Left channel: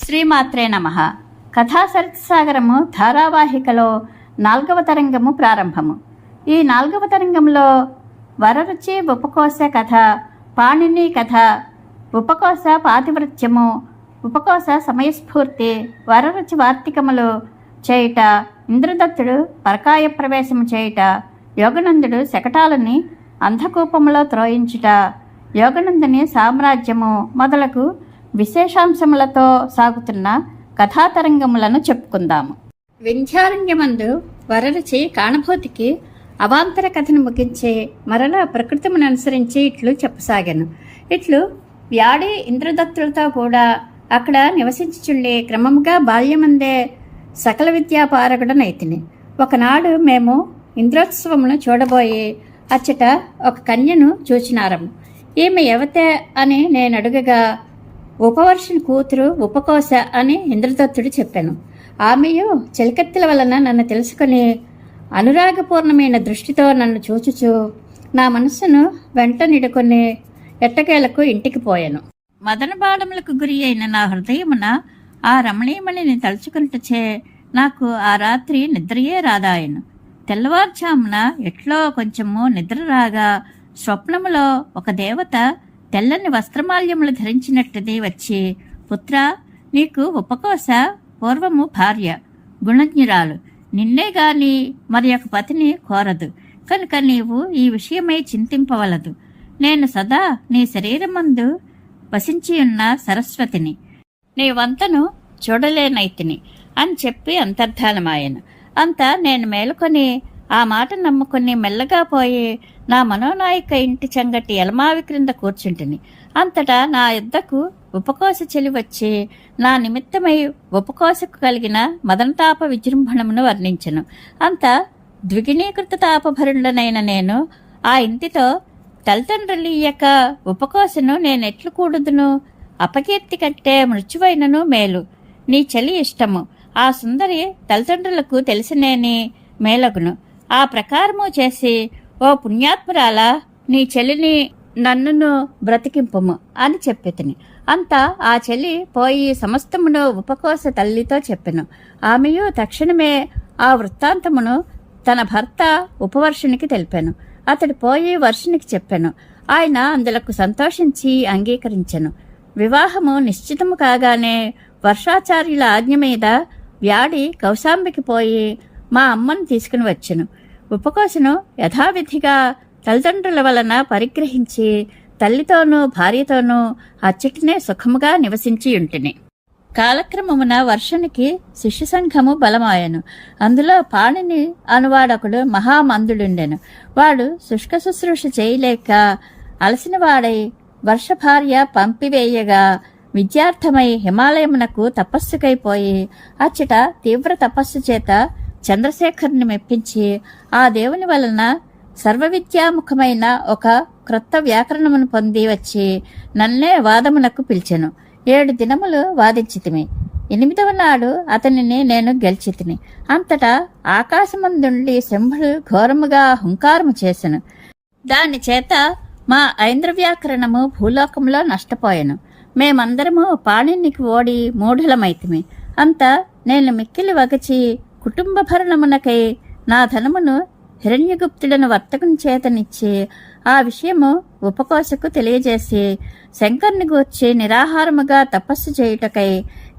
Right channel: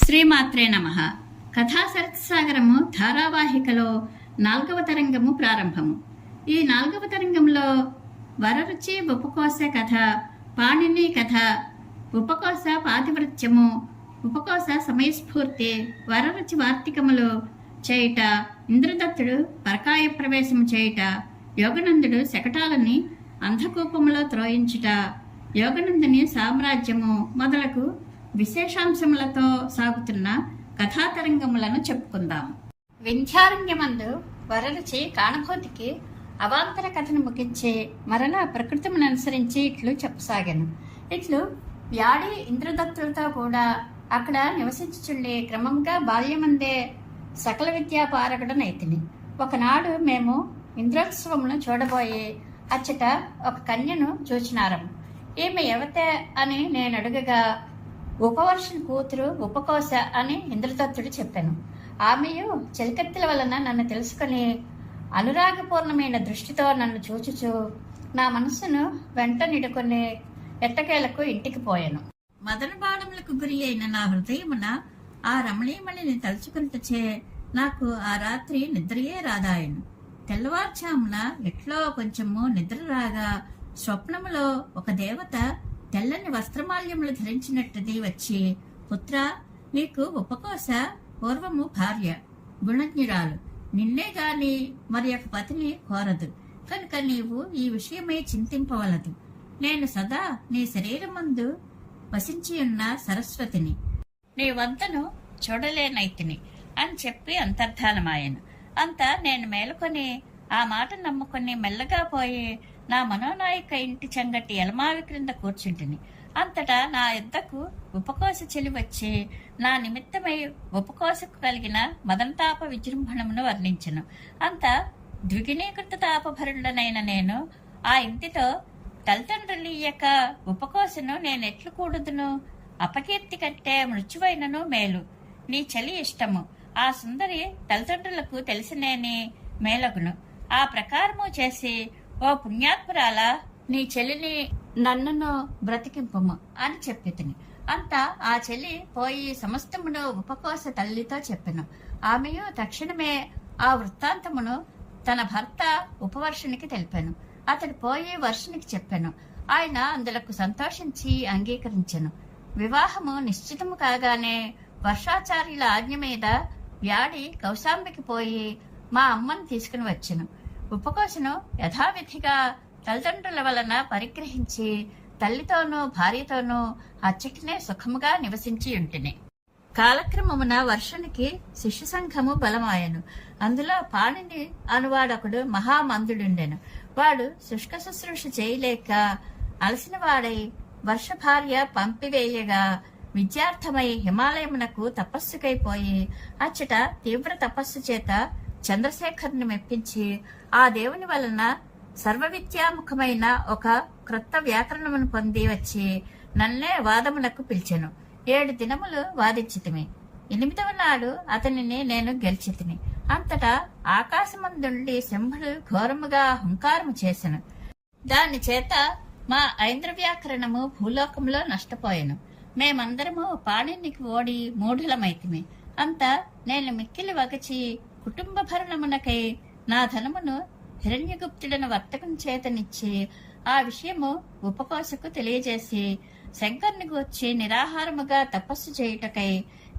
శ్రీమాత్రే నమః. కథా సరత్సాగరము ధారావాహికలో 4వ తరంగము ప్రారంభము. ఈ 4వ తరంగంలో వరరుచి ఉపకోశ కథ, పాణిని కథ, ఉపకోశ పాతివృత్యము, ఉపకోశ సమయస్ఫూర్తి, వరరుచి వార్తికములు చేయుట, ఇంద్రదత్తుడు పరకాయ ప్రవేశము చేయుట, యోగనందుడు శకటాలని అంధకూపములో త్రోయించుట, యోగనందుని సామ్రాజ్యము మొదలగు విశేషాంశములతో సాగుతున్న కథాతరంగములను చెప్పుకుందాము. వింధ్యారణ్యమందు వరరుచి కాణభూతికి అవాంతర కథను ముగించి మరలా ప్రకృతిని అనుసరించి ఇట్లు చెప్పసాగాను. ఇట్లు వ్యాడి ఇంద్రదత్తులతో కూడా అక్కడ నివసించుచుండి క్రమముగా బాల్యమందే సకల విద్యాపారకుడనైతిని. ఒకనాడు మేము ఇంద్రోత్సవమును చూడబోయి అచ్చట ఒక కన్యను చూచినారము. ఈమె ఎవతే అని నేను అడుగగా ఉపవర్షుని కూతురు ఉపకోశ అని ఇంద్రదత్తుడు చెప్పాను. ఆమెయు చెలికత్తెల వలన నన్ను తెలుసుకుని అనురాగపూర్ణమైన దృష్టితో నన్ను చూచుచు నా మనస్సును వెంట నిడుకొని ఎట్టకేలకు ఇంటికి పోయాను. మదనబాణములకు గురి అయిన నా హృదయమున ఆ రమణీయమణిని తలుచుకున్నటచే నాకు ఆ రాత్రి నిద్రయే రాదాయను. తెల్లవారుజామున ఎట్లో కొంచెము నిద్ర రాగా స్వప్నములో ఒక దేవత తెల్లని వస్త్రమాల్యములు ధరించినట్టుది వచ్చి, పుత్ర, నీకు ఉపకోశ పూర్వము భార్య, గుణజ్ఞురాలు, నిన్నే గాని మరి ఒక పతిని కోరదు, కనుక నీవు ఈ విషయమై చింతింపవలదు. నేను సదా నీ శరీరమందు వసించియున్న సరస్వతిని, నీ వంతను చూడలేనైతిని అని చెప్పి అంతర్ధానమాయను. అంతా నేను మేలుకొని ఆ మాట నమ్ముకుని మెల్లగా పోయి నా మనోనాయక ఇంటి చంగటి ఎలమావి క్రింద కూర్చుంటిని. అంతటా నా యుద్ధకు ఉపకోశ చెలి వచ్చి నా నిమిత్తమై ఉపకోశకు కలిగిన మదనతాప విజృంభణమును వర్ణించను. అంత ద్విగుణీకృత తాపభరుడనైన నేను ఆ ఇంటితో తల్లిదండ్రులియ్యక ఉపకోశను నేనెట్లు కూడుదును? అపకీర్తి కంటే మృత్యువైనను మేలు. నీ చలి ఇష్టము ఆ సుందరి తల్లిదండ్రులకు తెలిసినేని మేలగును. ఆ ప్రకారము చేసి, ఓ పుణ్యాత్మురాలా, నీ చెల్లిని నన్నును బ్రతికింపుము అని చెప్పితిని. అంతా ఆ చెల్లి పోయి సమస్తమును ఉపకోశ తల్లితో చెప్పెను. ఆమెయు తక్షణమే ఆ వృత్తాంతమును తన భర్త ఉపవర్షునికి తెలిపాను. అతడు పోయి వర్షునికి చెప్పాను. ఆయన అందులకు సంతోషించి అంగీకరించెను. వివాహము నిశ్చితము కాగానే వర్షాచార్యుల ఆజ్ఞ మీద వ్యాడి కౌశాంబికి పోయి మా అమ్మను తీసుకుని వచ్చెను. ఉపకోశను యథావిధిగా తల్లిదండ్రుల వలన పరిగ్రహించి తల్లితోనూ భార్యతోనూ అచ్చటినే సుఖముగా నివసించి ఉంటిని. కాలక్రమమున వర్షునికి శిష్య సంఘము బలమాయను. అందులో పాణిని అనువాడొకడు మహామందుడుండెను. వాడు శుష్క శుశ్రూష చేయలేక అలసిన వాడై వర్ష భార్య పంపివేయగా విద్యార్థమై హిమాలయమునకు తపస్సుకైపోయి అచ్చట తీవ్ర తపస్సు చేత చంద్రశేఖరుని మెప్పించి ఆ దేవుని వలన సర్వవిద్యాముఖమైన ఒక క్రొత్త వ్యాకరణమును పొంది వచ్చి నన్నే వాదమునకు పిలిచెను. 7 దినములు వాదించితిమి. 8వ నాడు అతనిని నేను గెలిచితిని. అంతటా ఆకాశమందుండి శంభుడు ఘోరముగా హుంకారము చేసెను. దాని చేత మా ఐంద్ర వ్యాకరణము భూలోకంలో నష్టపోయాను. మేమందరము పాణినికి ఓడి మూఢులమైతిమి. అంతా నేను మిక్కిలి వగచి కుటుంబ భరణమునకై నా ధనమును హిరణ్యగుప్తులను వర్తకం చేతనిచ్చి ఆ విషయము ఉపకోశకు తెలియజేసి శంకర్ని గూర్చి నిరాహారముగా తపస్సు చేయుటకై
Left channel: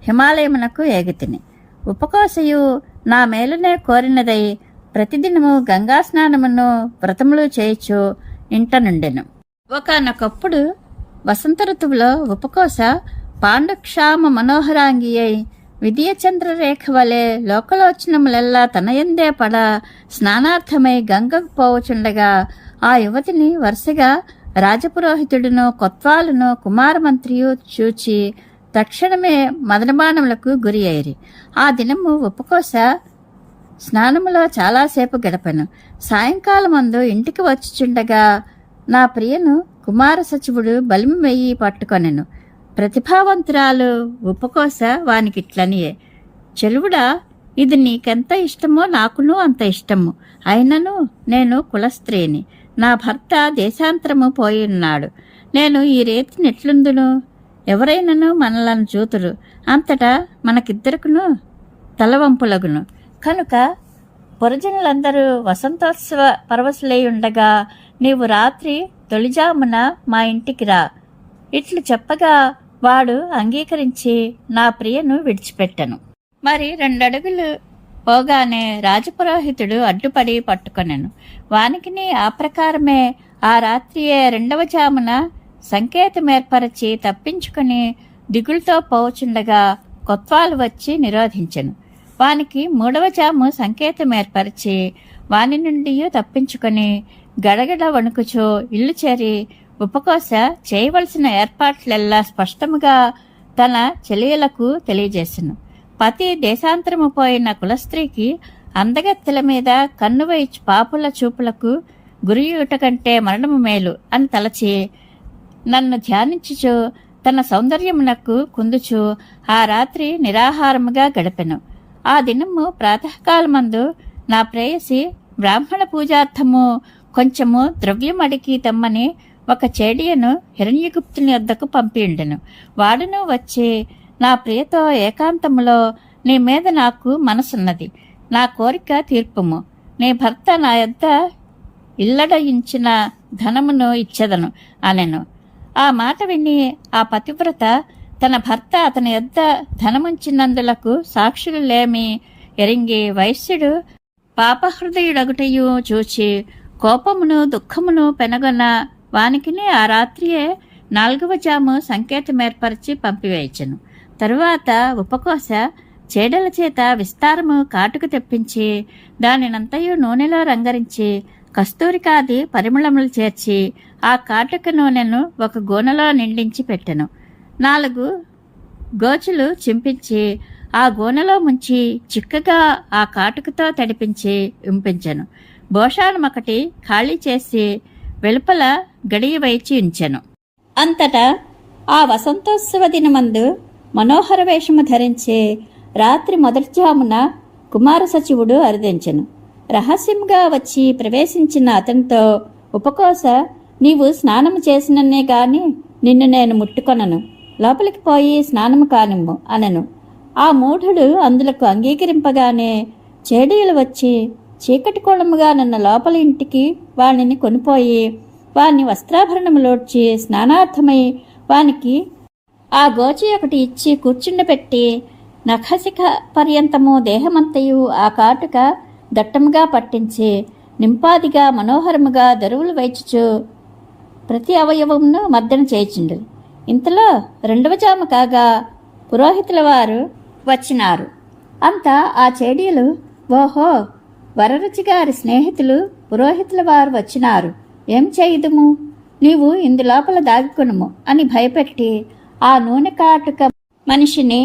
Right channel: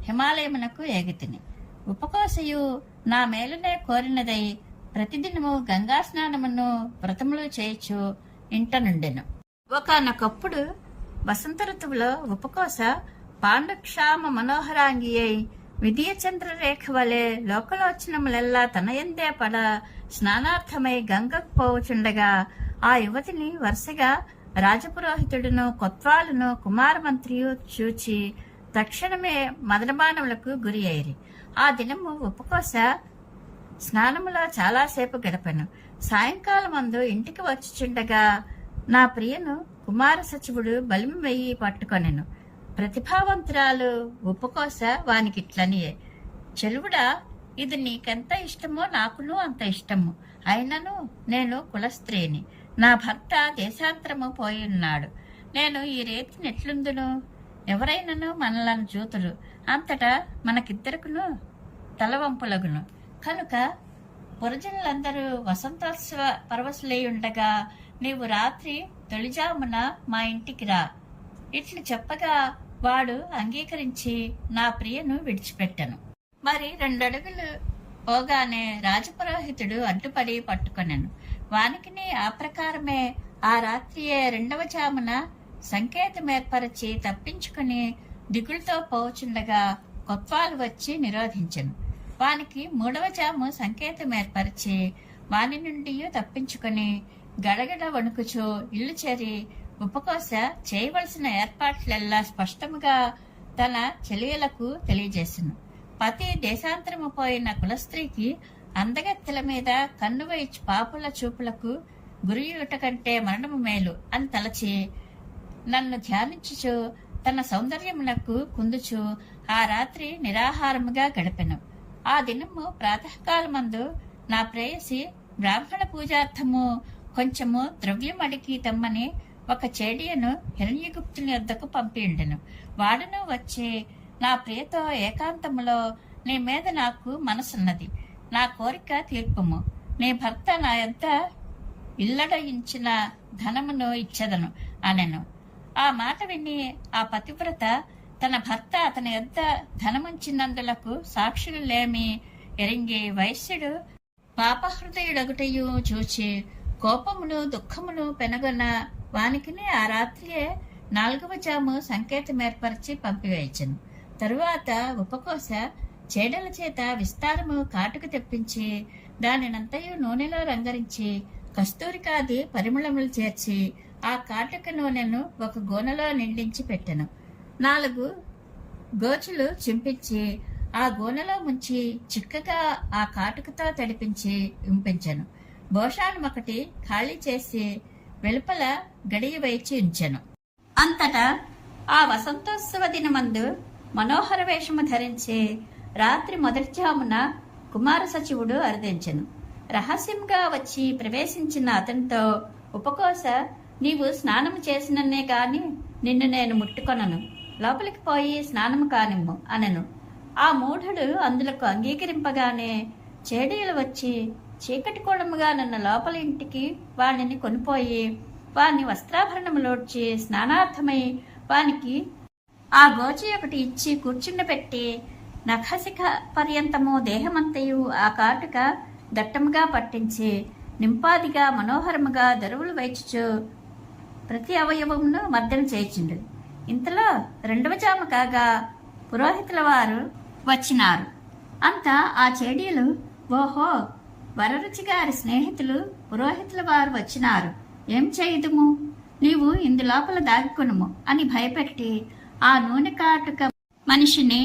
హిమాలయమునకు ఏగితిని. ఉపకోశయు నా మేలునే కోరినదై ప్రతిదినము గంగా స్నానమును వ్రతములు చేయుచు ఇంట నుండెను. ఒకనొకప్పుడు వసంత ఋతువులో ఉపకోశ పాండుక్షామ మనోహరాంగి అయి విద్యచంద్రరేఖ వలె లోకలోచనములెల్లా తనయందే పడ స్నానార్థమై గంగకు పోవచుండగా ఆ యువతిని వరుసగా రాజపురోహితుడును కొత్వాలును కుమారమంత్రియు చూచి తక్షణమే మదనబాణములకు గురి అయ్యిరి. ఆ దినము ఉపకోశ స్నానములో చాలాసేపు గడపెను. సాయంకాలమందు ఇంటికి వచ్చుచుండగా నా ప్రియను కుమార సచివుడు బలిమి వెయ్యి పట్టుకొనెను. ప్రతిభావంతురాలు ఉపకోశ వానికిట్లనియే, చెలువుడా, ఇది నీకెంత ఇష్టమో నాకును అంత ఇష్టము. అయినను నేను కులస్త్రీని. నా భర్త దేశాంతరము పోయిన్నాడు. నేను ఈ రీతిని ఎట్లుందును? ఎవరైనను మనలను చూతురు. అంతటా మనకిద్దరుకును తలవంపులగును. కనుక పురజనులందరూ వసంతోత్సవ పరవశులై ఉండగా నీవు రాత్రి తొలిజామున మా ఇంటికి రా. ఇట్లు చెప్పగా వాడు అంగీకరించి నా ప్రియను విడిచిపెట్టెను. మరి 2 అడుగులు పోగానే రాజపురోహితుడు అడ్డుపడి పట్టుకొనెను. వానికిని ఆ ప్రకారమే ఆ రాత్రియే 2వ జామున సంకేతమేర్పరచి తప్పించుకుని దిగులుతో పోవుచుండగా కొత్వాలు వచ్చి నిరోధించెను. వానికి 3వ జాము సంకేతమేర్పరిచి వాని నుండి తప్పించుకొని గడగడ వణుకుచో ఇల్లు చేరి ఉపకోశ చేయవలసిన ఏర్పాట్లెల్లా స్పష్టముగా తన చెలియలకు తెలియజేసెను. పతి దేశాంతరము పోయిన కులస్త్రీకి అందగత్తెల మీద కన్ను వేయిచు పాపుల చూపులకు గురియుట కంటే మరణము మేలు అని తలచి నన్ను ధ్యానించుచు తన సౌందర్యమునకు కుందుచు ఆ రాత్రి నిరాహారముగా గడిపెను. ఆ దినము ప్రాతకాలమందు నా ప్రేయసి బ్రాహ్మణ పూజార్థము కొంచెము ద్రవ్యం అడిగి తెమ్మని ఒక చేడియను హిరణ్యగుప్తుని వద్దకు పంపిండెను. వాడును వచ్చి నా ప్రియతో ఏకాంతములో నీ మీద నాకు మనసున్నది, నా కోరిక తీర్పుము, నీ భర్త నా యొద్ద ఇల్లడయించిన ధనమును ఇచ్చెదను అనెను. ఆ మాట విని ఆ పతివ్రత తన భర్త అతని యొద్ద ధనముంచినందులకు సాక్షులు లేమి ఎరింగి వైశ్యుడు పాపహృదయుడగుటయు చూచి కోపమును దుఃఖమును పెనగొన వానికిని ఆ రాత్రియే 4వ జాము సంకేతమేర్పరిచి పంపివేయచెను. తరువాత ఉపకోశ చేడల చేత విస్తారము కాటుకు తెప్పించి దానినంతయు నూనెలో రంగరించి కస్తూరికాది పరిమళములు చేర్చి ఆ కాటుక నూనెను ఒక గోనెలో నిండించి పెట్టెను. 4 గోచులు చింపించి ఆ గోనెలో ముంచి చిక్కగా ఆ కాటుకతో తడిపించి ఉంపించెను. భోషాణమొకటి ఖాళీ చేసి వెలుపల గడియ వైచి ఉంచెను. అంతటా ఆ వసంతోత్సవ దినమందు మనోహర వేషము ధరించి రాత్రి మొదటి జామున కుమార సచివుడు అరుదించెను. రహస్యంగా వచ్చి ప్రవేశించిన అతనితో ఉపకోశ నీవు స్నానము చేసినన్నే గాని నిన్ను నేను ముట్టుకొనను, లోపలికి పోయి స్నానము కానిమ్ము అనెను. ఆ మూఢుడు అందులకు అంగీకరింపగానే చేడీలు వచ్చి చీకటి కోణముగా నన్న లోపలి ఇంటికి వాణిని కొనిపోయి వాని వస్త్రాభరణములోడ్చి స్నానార్థమై వానికి ఆ గోచి ఒకటి ఇచ్చి కూర్చుండపెట్టి నఖశిఖ పర్యంతము దేహమంతయు ఆ కాటుక దట్టముగా పట్టించి నింపాదిగా మనోహరముగా దరువులు వైచుచు ప్రతి అవయవమును మర్దన చేయించుండు. ఇంతలో 2వ జాము కాగా పురోహితుల వారు వచ్చినారు. అంతా ఆ చేడీలు ఓహో వరరుచి గారి స్నేహితులు పురోహితుల వారు వచ్చినారు, ఏం చేయుదుము, నీవు ఇందులోపల దాగికొనుము అని భయపెట్టి ఆ నూనె కాటుక మనిషిని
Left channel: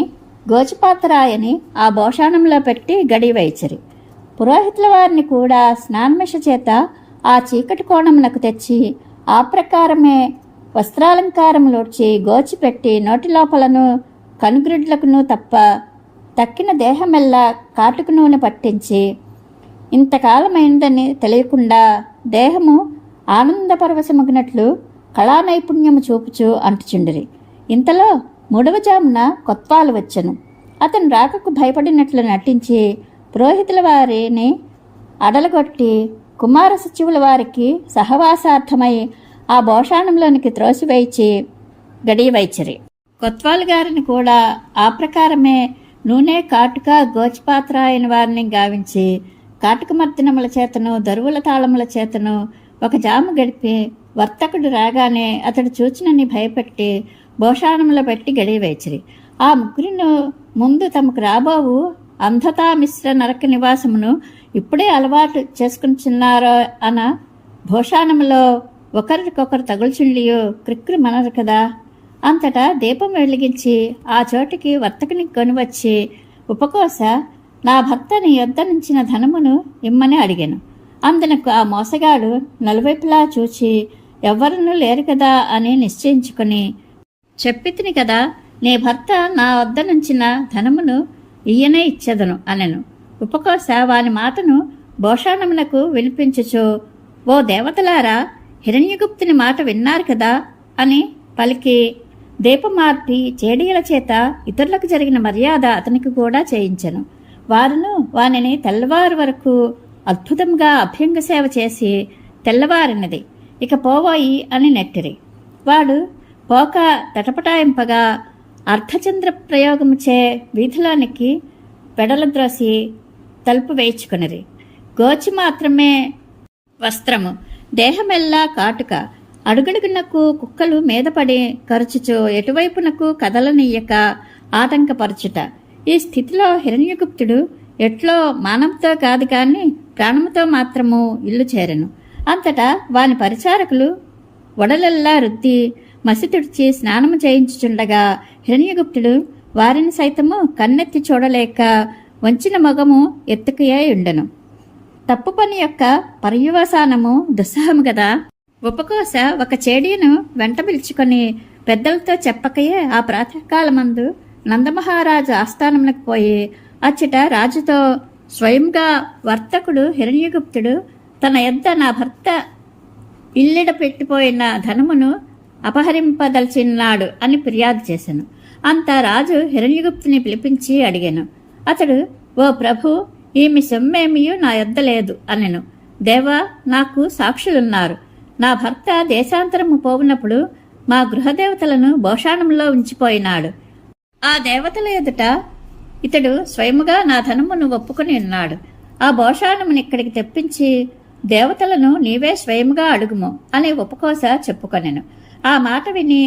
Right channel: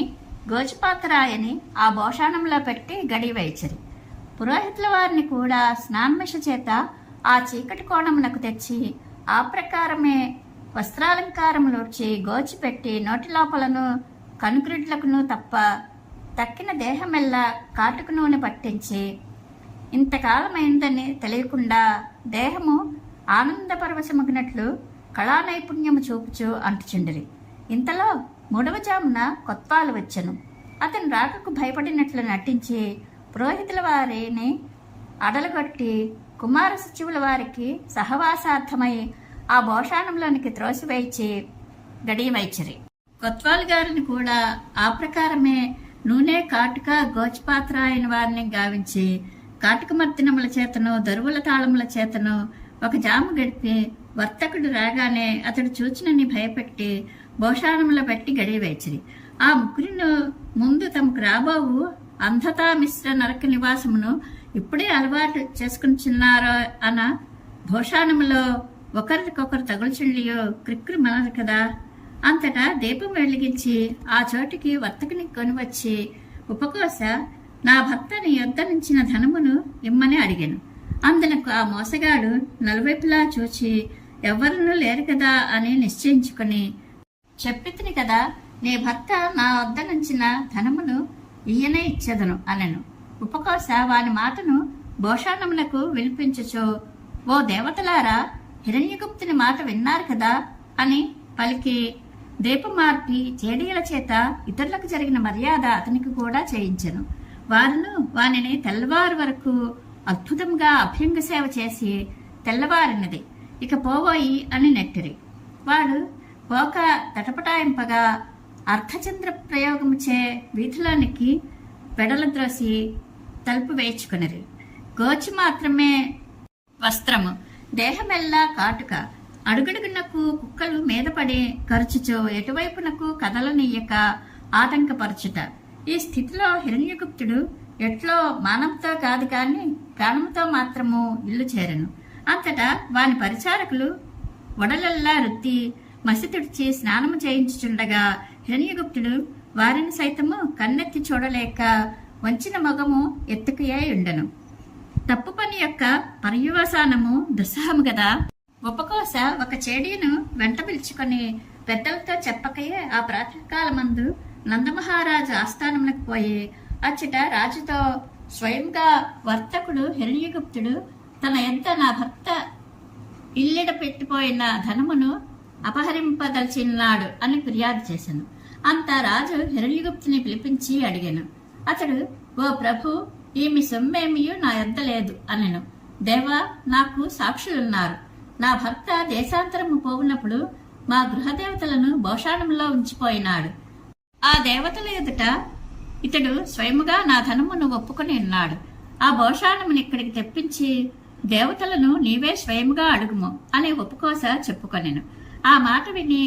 గోచిపాత్రాయని ఆ భోషాణంలో పెట్టి గడివైచరి. పురోహితుల వారిని కూడా స్నానమిష చేత ఆ చీకటి కోణమునకు తెచ్చి ఆ ప్రకారమే వస్త్రాలంకారములోడ్చి గోచిపెట్టి నోటి లోపలను కనుగ్రిడ్లకును తప్ప తక్కిన దేహమెల్లా కాటుక నూనె పట్టించి ఇంతకాలమైందని తెలియకుండా దేహము ఆనందపరవశమగినట్లు కళానైపుణ్యము చూపుచు అంటుచుండిరి. ఇంతలో 3వ జామున కొత్వాలు వచ్చెను. అతను రాకకు భయపడినట్లు నటించి పురోహితుల వారిని అడలగొట్టి కుమార సచివుల వారికి సహవాసార్థమై ఆ భోషాణంలోనికి త్రోసివేయిచి గడియవైచిరి. కొత్వాలు గారిని కూడా ఆ ప్రకారమే నూనె కాటుక గోచిపాత్రాయన వారిని గావించి కాటుక మర్దినముల చేతను దరువుల తాళముల చేతను ఒక జాము గడిపి వర్తకుడు రాగానే అతడు చూచినని భయపెట్టి భోషాణములో పెట్టి గడియవేచిరి. ఆ ముగ్గురిను ముందు తమకు రాబోవు అంధతా మిశ్ర నరక నివాసమును ఇప్పుడే అలవాటు చేసుకుంటున్నారో అన్న భోషాణములో ఒకరికొకరు తగుల్చుండియో క్రిక్రు మనరు కదా. అంతటా దీపం వెలిగించి ఆ చోటికి వర్తకుని కొనివచ్చి ఉపకోశ నా భర్త నీ యొద్ద నుంచిన ధనమును ఇమ్మని అడిగాను. అందునకు ఆ మోసగాడు నలువైపులా చూచి ఎవ్వరూ లేరు కదా అని నిశ్చయించుకొని చెప్పితిని కదా, నీ భర్త నా వద్ద నుంచిన ధనమును ఈయనే ఇచ్చెదను అనెను. ఉపకోశ వాని మాటను భోషాణమునకు వినిపించుచు ఓ దేవతలారా, హిరణ్యగుప్తుని మాట విన్నారు కదా అని పలికి దీపమార్పి చేడీల చేత ఇతరులకు జరిగిన మర్యాద అతనికి కూడా చేయించెను. వారును వానిని తెల్లవారు వరకు అద్భుతంగా అభ్యంగ సేవ చేసి తెల్లవారినది, ఇక పోవోయి అని నెట్టిరి. వాడు పోక తటపటాయింపగా అర్ధచంద్ర ప్రయోగముచే వీధిలోనికి వెడలద్రోసి తలుపు వేయించుకొనిరి. గోచి మాత్రమే వస్త్రము, దేహమెల్లా కాటుక, అడుగడుగునకు కుక్కలు మీదపడి కరుచుచు ఎటువైపునకు కదలనీయక ఆటంకపరచుట. ఈ స్థితిలో హిరణ్యగుప్తుడు ఎట్లో మానవుతో కాదు కాని ప్రాణముతో మాత్రము ఇల్లు చేరెను. అంతటా వాని పరిచారకులు వడలెల్లా రుద్ది మసి తుడిచి స్నానము చేయించుచుండగా హిరణ్యగుప్తుడు వారిని సైతము కన్నెత్తి చూడలేక వంచిన మొగము ఎత్తుకయే ఉండెను. తప్పు పని యొక్క పర్యవసానము దుస్సహము గదా. ఉపకోశ ఒక చేడీను వెంట పిలుచుకొని పెద్దలతో చెప్పకయే ఆ ప్రాతకాలమందు నందమహారాజు ఆస్థానమునకు పోయి అచ్చట రాజుతో స్వయంగా వర్తకుడు హిరణ్యగుప్తుడు తన యొద్ద నా భర్త ఇల్లిడ పెట్టిపోయిన ధనమును అపహరింపదలిచినాడు అని ఫిర్యాదు చేశాను. అంతా రాజు హిరణ్యగుప్తుని పిలిపించి అడిగాను. అతడు, ఓ ప్రభు, ఈమె సొమ్మేమియూ నా యొద్ద లేదు అనెను. దేవా, నాకు సాక్షులున్నారు. నా భర్త దేశాంతరము పోవునప్పుడు మా గృహదేవతలను భోషాణంలో ఉంచిపోయినాడు. ఆ దేవతల ఎదుట ఇతడు స్వయముగా నా ధనమును ఒప్పుకొని ఉన్నాడు. ఆ భోషాణమును ఇక్కడికి తెప్పించి దేవతలను నీవే స్వయముగా అడుగుము అని ఉపకోశ చెప్పుకొనెను. ఆ మాట విని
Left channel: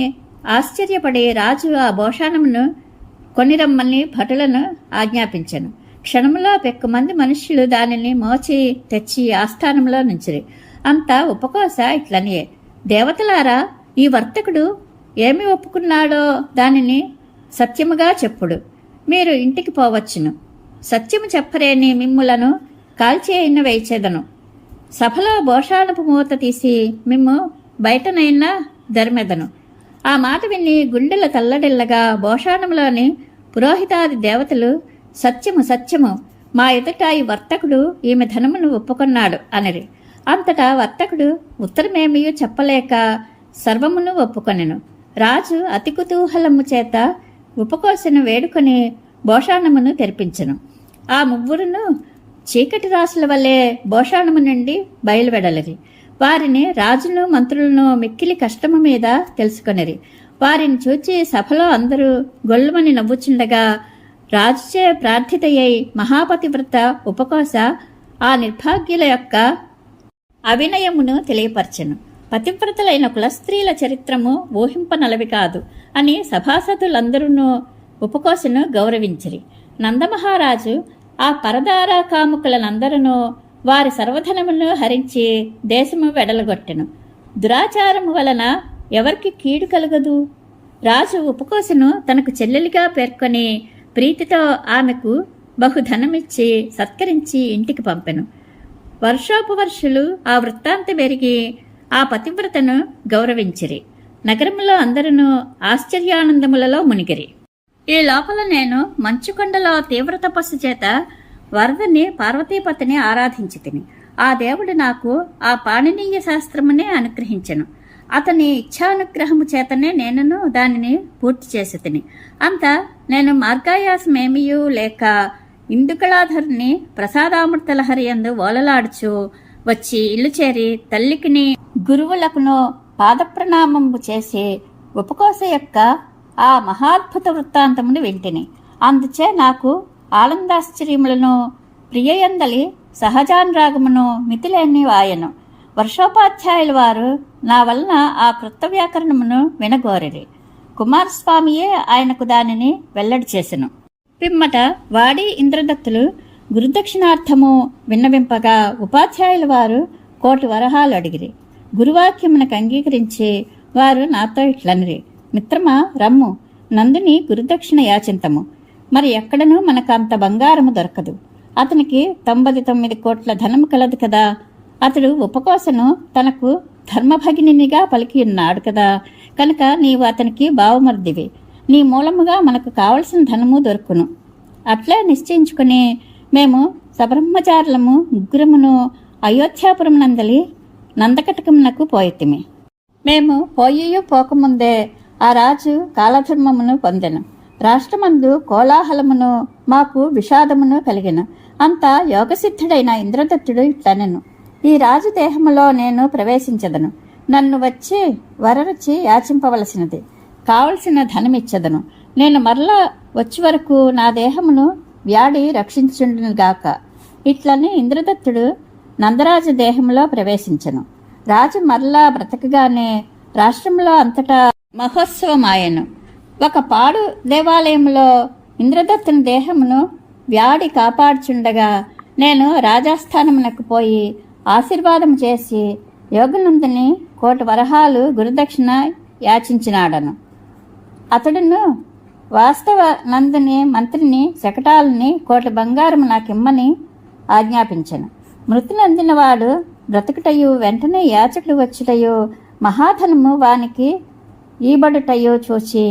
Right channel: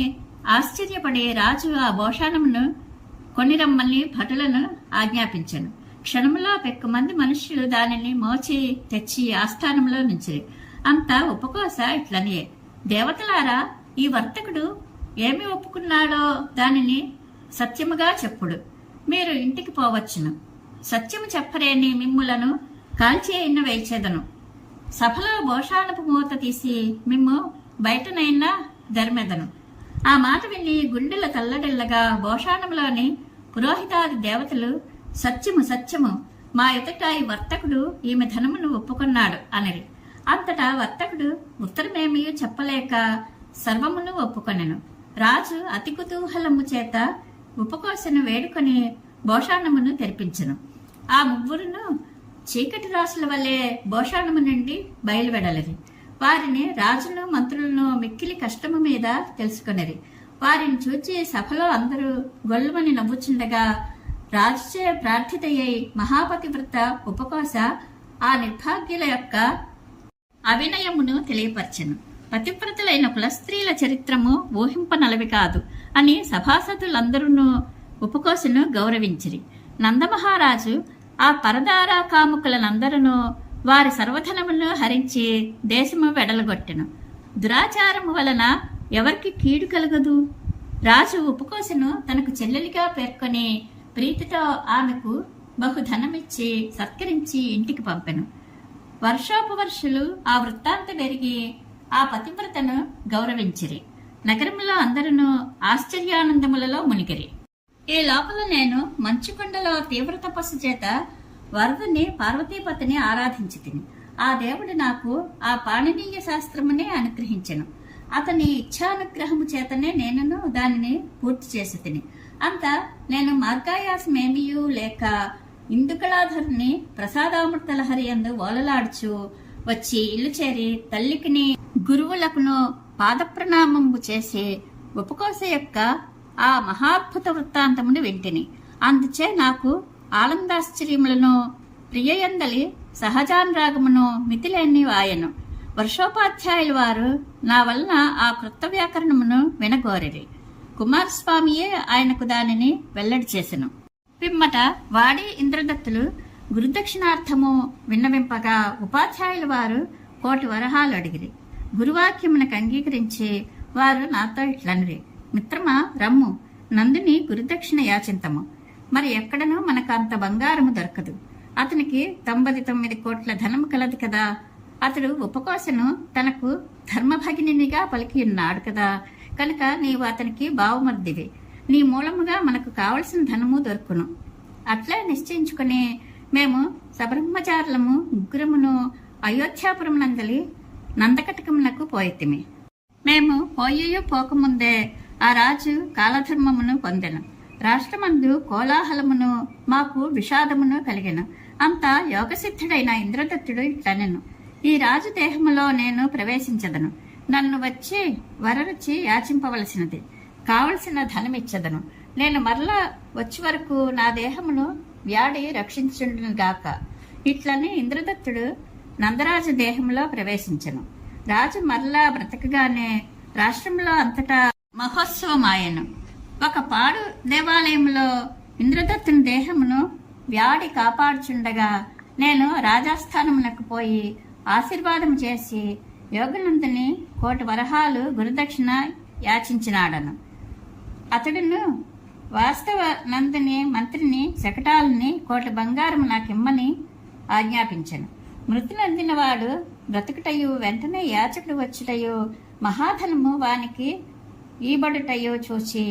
ఆశ్చర్యపడి రాజు ఆ భోషాణమును కొనిరమ్మని భటులను ఆజ్ఞాపించెను. క్షణములో పెక్కుమంది మనుష్యులు దానిని మోచి తెచ్చి ఆస్థానంలో నుంచిరి. అంతా ఉపకోశ ఇట్లనియే, దేవతలారా, ఈ వర్తకుడు ఏమి ఒప్పుకున్నాడో దానిని సత్యముగా చెప్పుడు. మీరు ఇంటికి పోవచ్చును. సత్యము చెప్పరేని మిమ్ములను కాల్చేయన వేయిచేదను. సభలో భోషాణపు మూత తీసి మిమ్ము బయటనైనా ధర్మెదను. ఆ మాట విని గుండెల తల్లడిల్లగా భోషాణంలోని పురోహితాది దేవతలు, సత్యము సత్యము, మా ఎదుట ఈ వర్తకుడు ఈమె ధనమును ఒప్పుకొన్నాడు అనిరి. అంతటా వర్తకుడు ఉత్తరమేమీ చెప్పలేక సర్వమును ఒప్పుకొనెను. రాజు అతి కుతూహలము చేత ఉపకోశను వేడుకొని భోషాణమును తెరిపించెను. ఆ ముగ్గురును చీకటి రాసుల వల్లే భోషాణము నుండి బయలువెడలిరి. వారిని రాజును మంత్రులను మిక్కిలి కష్టము మీద తెలుసుకొనిరి. వారిని చూచి సభలో అందరూ గొల్లుమని నవ్వుచుండగా రాజుచే ప్రార్థితయ్యై మహాపతివ్రత ఉపకోశ ఆ నిర్భాగ్యుల యొక్క అవినయమును తెలియపరచెను. పతివ్రతలైన కులస్త్రీల చరిత్రము ఊహింపనలవి కాదు అని సభాసదులందరూ ఉపకోశను గౌరవించిరి. నందమహారాజు ఆ పరదారా కాముకులనందరూ వారి సర్వధనమును హరించి దేశము వెడలగొట్టెను. దురాచారము వలన ఎవరికి కీడు కలగదు. రాజు ఉపకోశను తనకు చెల్లెలిగా పేర్కొని ప్రీతితో ఆమెకు బహుధనమిచ్చి సత్కరించి ఇంటికి పంపెను. వర్షోపవర్షులు ఆ వృత్తాంతమెరిగి ఆ పతివ్రతను గౌరవించిరి. నగరములో అందరూ ఆశ్చర్యానందములలో మునిగిరి. ఈ లోపల నేను మంచుకొండలో తీవ్ర తపస్సు చేత వరదని పార్వతీపతిని ఆరాధించి తిని ఆ దేవుడు నాకు ఆ పాణినీయ శాస్త్రమునే అనుగ్రహించెను. అతని ఇచ్ఛానుగ్రహము చేతనే నేనును దానిని పూర్తి చేసి తిని. అంతా నేను మార్గాయాసమేమియూ లేక ఇందుకళాధరుని ప్రసాదామృతలహరి యందు ఓలలాడుచు వచ్చి ఇల్లు చేరి తల్లికిని గురువులకును పాదప్రణామంబు చేసి ఉపకోశ యొక్క ఆ మహాద్భుత వృత్తాంతమును వింటిని. అందుచే నాకు ఆనందాశ్చర్యములను ప్రియయందలి సహజానురాగమును మితిలేని వాయను. వర్షోపాధ్యాయుల వారు నా వలన ఆ కృత వ్యాకరణమును వినగోరిరి. కుమారస్వామియే ఆయనకు దానిని వెల్లడి చేసెను. పిమ్మట వాడి ఇంద్రదత్తులు గురుదక్షిణార్థము విన్నవింపగా ఉపాధ్యాయుల వారు 1,000,000 వరహాలు అడిగిరి. గురువాక్యమునకు అంగీకరించి వారు నాతో ఇట్లనిరి, మిత్రమా, రమ్ము, నందుని గురుదక్షిణ యాచింతము. మరి ఎక్కడనూ మనకు అంత బంగారము దొరకదు. అతనికి 99 కోట్ల ధనము కలదు కదా. అతడు ఉపకోశను తనకు ధర్మభగినిగా పలికి ఉన్నాడు కదా. కనుక నీవు అతనికి బావమర్దివి. నీ మూలముగా మనకు కావలసిన ధనము దొరుకును. అట్లే నిశ్చయించుకుని మేము సబ్రహ్మచారులము ముగ్గురమును అయోధ్యాపురం నందలి నందకటకమునకు పోయితిమి. మేము పోయూ పోకముందే ఆ రాజు కాలధర్మమును పొందెను. రాష్ట్రమందు కోలాహలమును మాకు విషాదమును కలిగెను. అంత యోగసిద్ధుడైన ఇంద్రదత్తుడు ఇట్లనెను: ఈ రాజు దేహములో నేను ప్రవేశించదను. నన్ను వచ్చి వరరుచి యాచింపవలసినది. కావలసిన ధనమిచ్చదను. నేను మరలా వచ్చి వరకు నా దేహమును వ్యాడి రక్షించుండునుగాక. ఇట్లని ఇంద్రదత్తుడు నందరాజు దేహంలో ప్రవేశించెను. రాజు మరలా బ్రతకగానే రాష్ట్రంలో అంతటా మహోత్సవమాయెను. ఒక పాడు దేవాలయంలో ఇంద్రదత్తుని దేహమును వ్యాడి కాపాడుచుండగా నేను రాజాస్థానమునకు పోయి ఆశీర్వాదం చేసి యోగనందుని 1,000 వరహాలు గురుదక్షిణ యాచించినాడను. అతడును వాస్తవ నందుని మంత్రిని శకటాలని 1,000 బంగారం నాకిమ్మని ఆజ్ఞాపించెను. మృతి నందినవాడు బ్రతుకుటయు వెంటనే యాచకుడు వచ్చుటయు మహాధనము వానికి ఈబడుటయో చూచి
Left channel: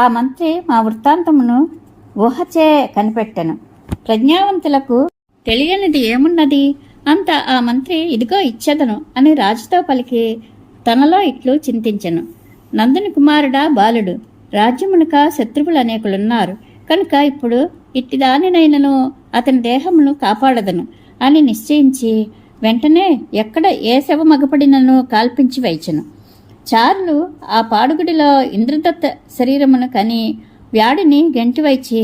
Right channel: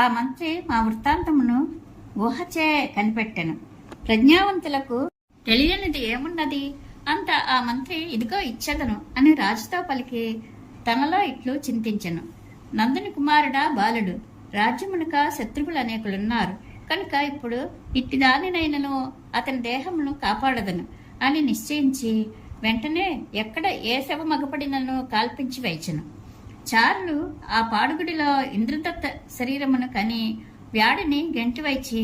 ఆ మంత్రి మా వృత్తాంతమును ఊహచే కనిపెట్టెను. ప్రజ్ఞావంతులకు తెలియనిది ఏమున్నది? అంత ఆ మంత్రి ఇదిగో ఇచ్చెదను అని రాజుతో పలికి తనలో ఇట్లు చింతించెను: నందుని కుమారుడా బాలుడు, రాజ్యమునక శత్రువులు అనేకులున్నారు కనుక ఇప్పుడు ఇట్టిదానినైనను అతని దేహమును కాపాడదను అని నిశ్చయించి వెంటనే ఎక్కడ ఏ శవ మగపడినను కాల్పించి వైచెను. చారులు ఆ పాడుగుడిలో ఇంద్రదత్త శరీరమును కని వ్యాడిని గెంటివైచి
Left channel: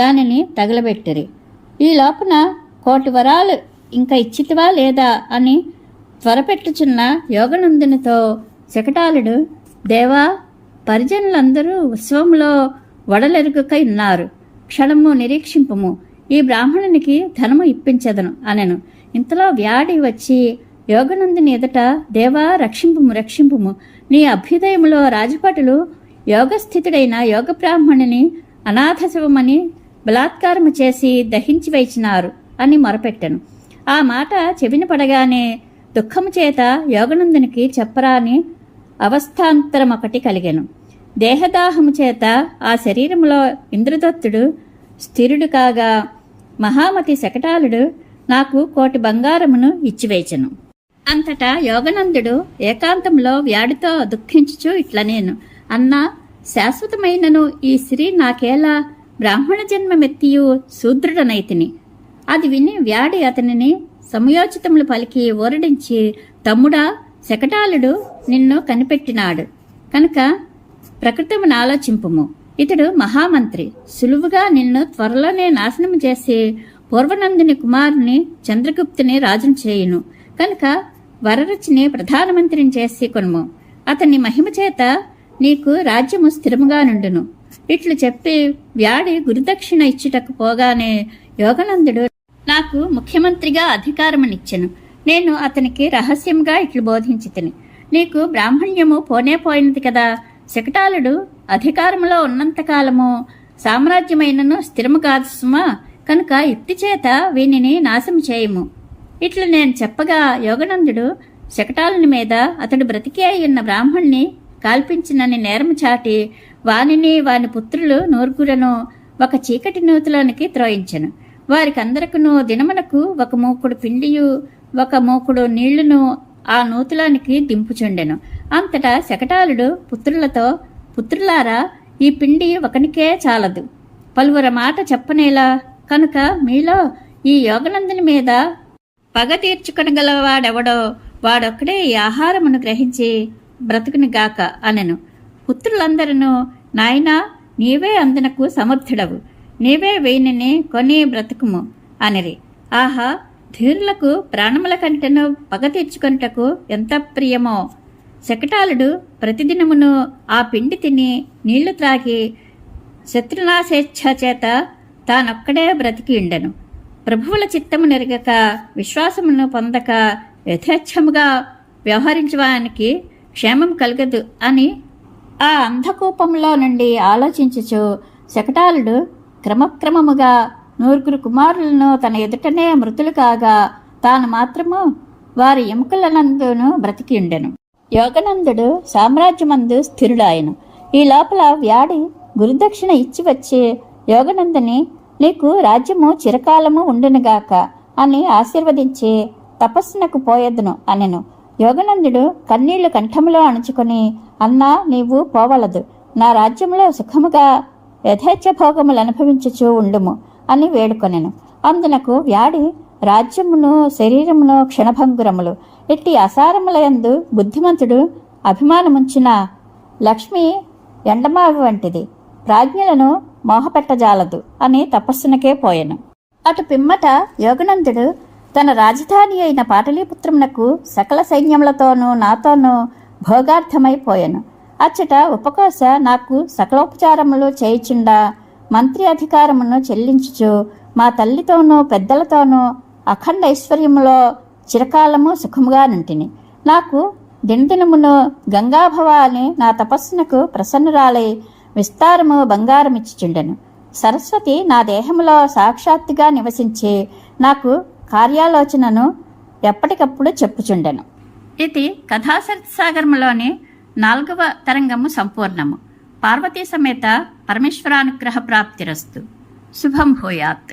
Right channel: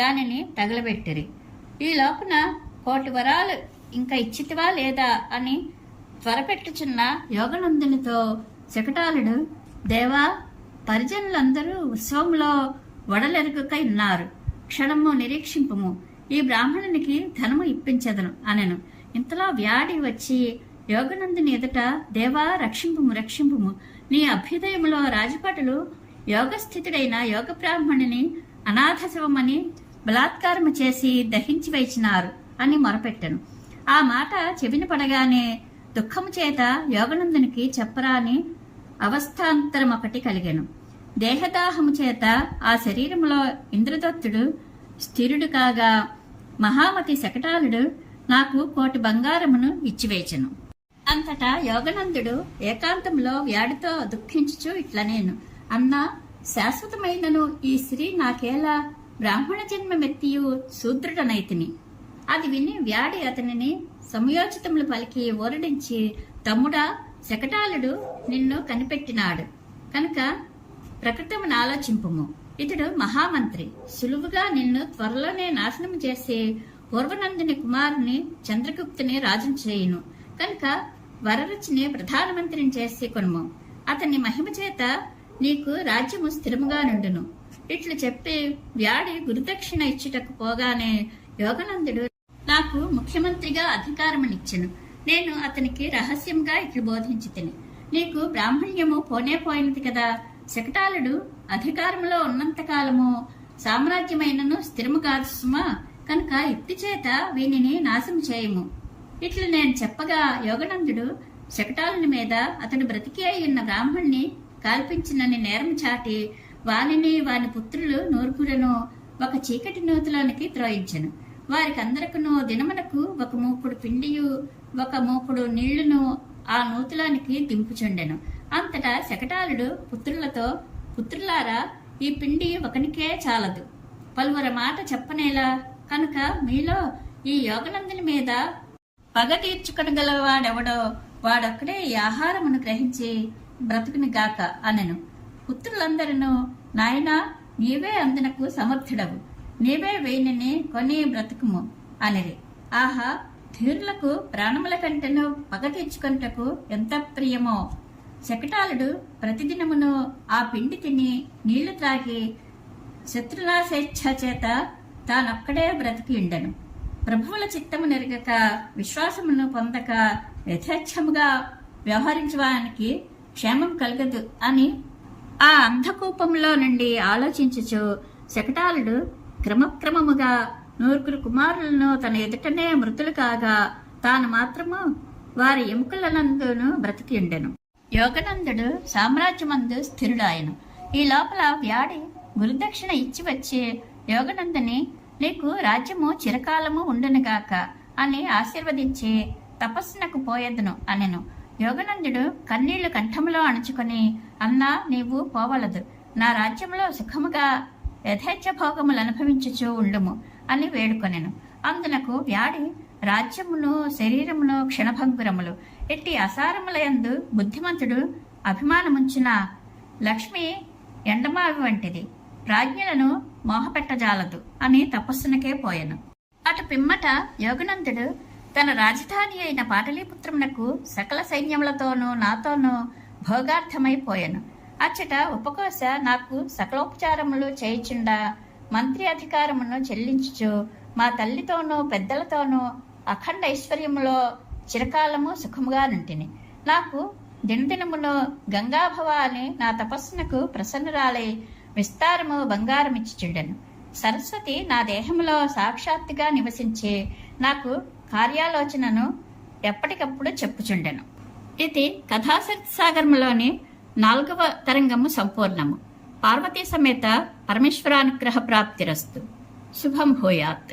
దానిని తగలబెట్టిరి. ఈ లోపల 1,000 వరాలు ఇంకా ఇచ్చితివా లేదా అని త్వరపెట్టుచున్న యోగనందునితో శకటాలుడు: దేవా, పరిజనులందరూ ఉత్సవంలో వడలెరుగుక ఉన్నారు. క్షణము నిరీక్షింపము, ఈ బ్రాహ్మణునికి ధనము ఇప్పించదను అనెను. ఇంతలో వ్యాడి వచ్చి యోగనందుని ఎదుట: దేవా, రక్షింపుము రక్షింపుము, నీ అభ్యుదయములో రాజభటులు యోగస్థితుడైన యోగ బ్రాహ్మణుని అనాథ శవమని బలాత్కారము చేసి దహించి వేచినారు అని మొరపెట్టెను. ఆ మాట చెవిన పడగానే దుఃఖము చేత యోగనందునికి చెప్పరాని అవస్థాంతరమొకటి కలిగెను. దేహదాహము చేత ఆ శరీరములో ఇంద్రదత్తుడు స్థిరుడు కాగా మహామతి శకటాలుడు నాకు 1,000 బంగారమును ఇచ్చివేచెను. అంతటా యోగనందుడు ఏకాంతంలో వ్యాడితో దుఃఖించుచు ఇట్లనేను: అన్నా, శాశ్వతమైనను ఈ స్త్రీ నాకేలా బ్రాహ్మణ జన్మమెత్తియు శూద్రుడనైతిని. అది విని వ్యాడి అతనిని సమయోచితములు పలికి ఓరడించి: తమ్ముడా, శకటాలుడు నిన్ను కనిపెట్టినాడు కనుక ప్రకృతమును ఆలోచింపుము. ఇతడు మహామంత్రి, సులువుగా నిన్ను త్వరలోనే నాశనము చేసి పూర్వనందుని కుమారుని చంద్రగుప్తుని రాజును చేయును కనుక వరరుచిని ప్రధానమంత్రిని చేసి కొనుము. అతని మహిమ చేత నీకు రాజ్యము స్థిరముగా నుండును. ఇట్లు చెప్పి వ్యాడి గురుదక్షిణ ఇచ్చుటకు పోగానే యోగనందుడు నాకు ముఖ్యమంత్రిగా అధికారమునిచ్చెను. నేను అతనికి రహస్యంగా ఇట్లు బోధించితిని: నీకు బ్రాహ్మణ్యము పోయినది కదా. శకటాలుడు అధికారములో ఉన్నంతకాలము సామ్రాజ్యమైనను స్థిరము కాదు సుమా, కనుక యుక్తి చేత వీనిని నాశనం చేయము. ఇట్లు నేను చెప్పగా యోగనందుడు శకటాలుని మీద అతడు బ్రతికి అయ్యున్న బ్రాహ్మణ్ణి కాల్పించినని నేరము చాటి వానిని వాని పుత్రులు 9 ఒక చీకటి నూతిలోనికి త్రోయించెను. వారికందరకును దినమునకు 1 మూకుడు పిండియు 1 మూకుడు నీళ్లును ఆ నూతిలోనికి దింపుచుండెను. అంతటా శకటాలుడు పుత్రులతో: పుత్రులారా, ఈ పిండి ఒకనికే చాలదు, పలువుర మాట చెప్పనేలా. కనుక మీలో ఈ యోగనందుని మీద పగ తీర్చుకొనగలవాడెవడో వాడొక్కడే ఈ ఆహారమును గ్రహించి బ్రతుకునిగాక అనెను. పుత్రులందరూ: నాయనా, నీవే అందునకు సమర్థుడవు, నీవే వీనిని కొని బ్రతుకుము అనిరి. ఆహా, ధీరులకు ప్రాణముల కంటెను పగ తీర్చుకొనుటకు ఎంత ప్రియమో. శకటాలుడు ప్రతిదినమును ఆ పిండి తిని నీళ్లు త్రాగి శత్రునాశేచ్ఛ చేత తానొక్కడే బ్రతికి ఉండెను. ప్రభువుల చిత్తము నెరగక విశ్వాసమును పొందక యథేచ్ఛముగా వ్యవహరించడానికి క్షేమం కలగదు అని ఆ అంధకూపంలో నుండి ఆలోచించుచు శకటాలుడు క్రమక్రమముగా 9 కుమారులను తన ఎదుటనే మృతులు కాగా తాను మాత్రము వారి ఎముకలనందును బ్రతికి ఉండెను. యోగనందుడు సామ్రాజ్యమందు స్థిరుడాయను. ఈ లోపల వ్యాడి గురుదక్షిణ ఇచ్చి వచ్చి యోగనందుని: నీకు రాజ్యము చిరకాలము ఉండునుగాక అని ఆశీర్వదించి తపస్సునకు పోయెదను అనెను. యోగనందుడు కన్నీళ్లు కంఠములో అణుచుకొని: అన్నా, నీవు పోవలదు, నా రాజ్యంలో సుఖముగా యథేచ్ఛ భోగములు అనుభవించుచూ ఉండుము అని వేడుకొనెను. అందునకు వ్యాడి, రాజ్యమును శరీరమును క్షణభంగురములు, ఎట్టి అసారములయందు బుద్ధిమంతుడు అభిమానముంచిన లక్ష్మి ఎండమావి వంటిది, ప్రాజ్ఞులను మోహపెట్టజాలదు అని తపస్సునకే పోయెను. అటు పిమ్మట యోగనందుడు తన రాజధాని అయిన పాటలీపుత్రమునకు సకల సైన్యములతోనూ నాతోనూ భోగార్థమైపోయెను. అచ్చట ఉపకోశ నాకు సకలోపచారములు చేయుచుండా మంత్రి అధికారమును చెల్లించుచు మా తల్లితోనూ పెద్దలతోనూ అఖండ ఐశ్వర్యములో చిరకాలము సుఖముగా నుంటిని. నాకు దినదినమును గంగాభవ అని నా తపస్సునకు ప్రసన్నురాలై విస్తారము బంగారమిచ్చుచుండెను. సరస్వతి నా దేహములో సాక్షాత్తుగా నివసించి నాకు కార్యాలోచనను ఎప్పటికప్పుడు చెప్పుచుండెను. ఇది కథాసాగరములోని 4వ తరంగము సంపూర్ణము. పార్వతీ సమేత పరమేశ్వరానుగ్రహ ప్రాప్తిరస్తు. శుభం భూయాత్.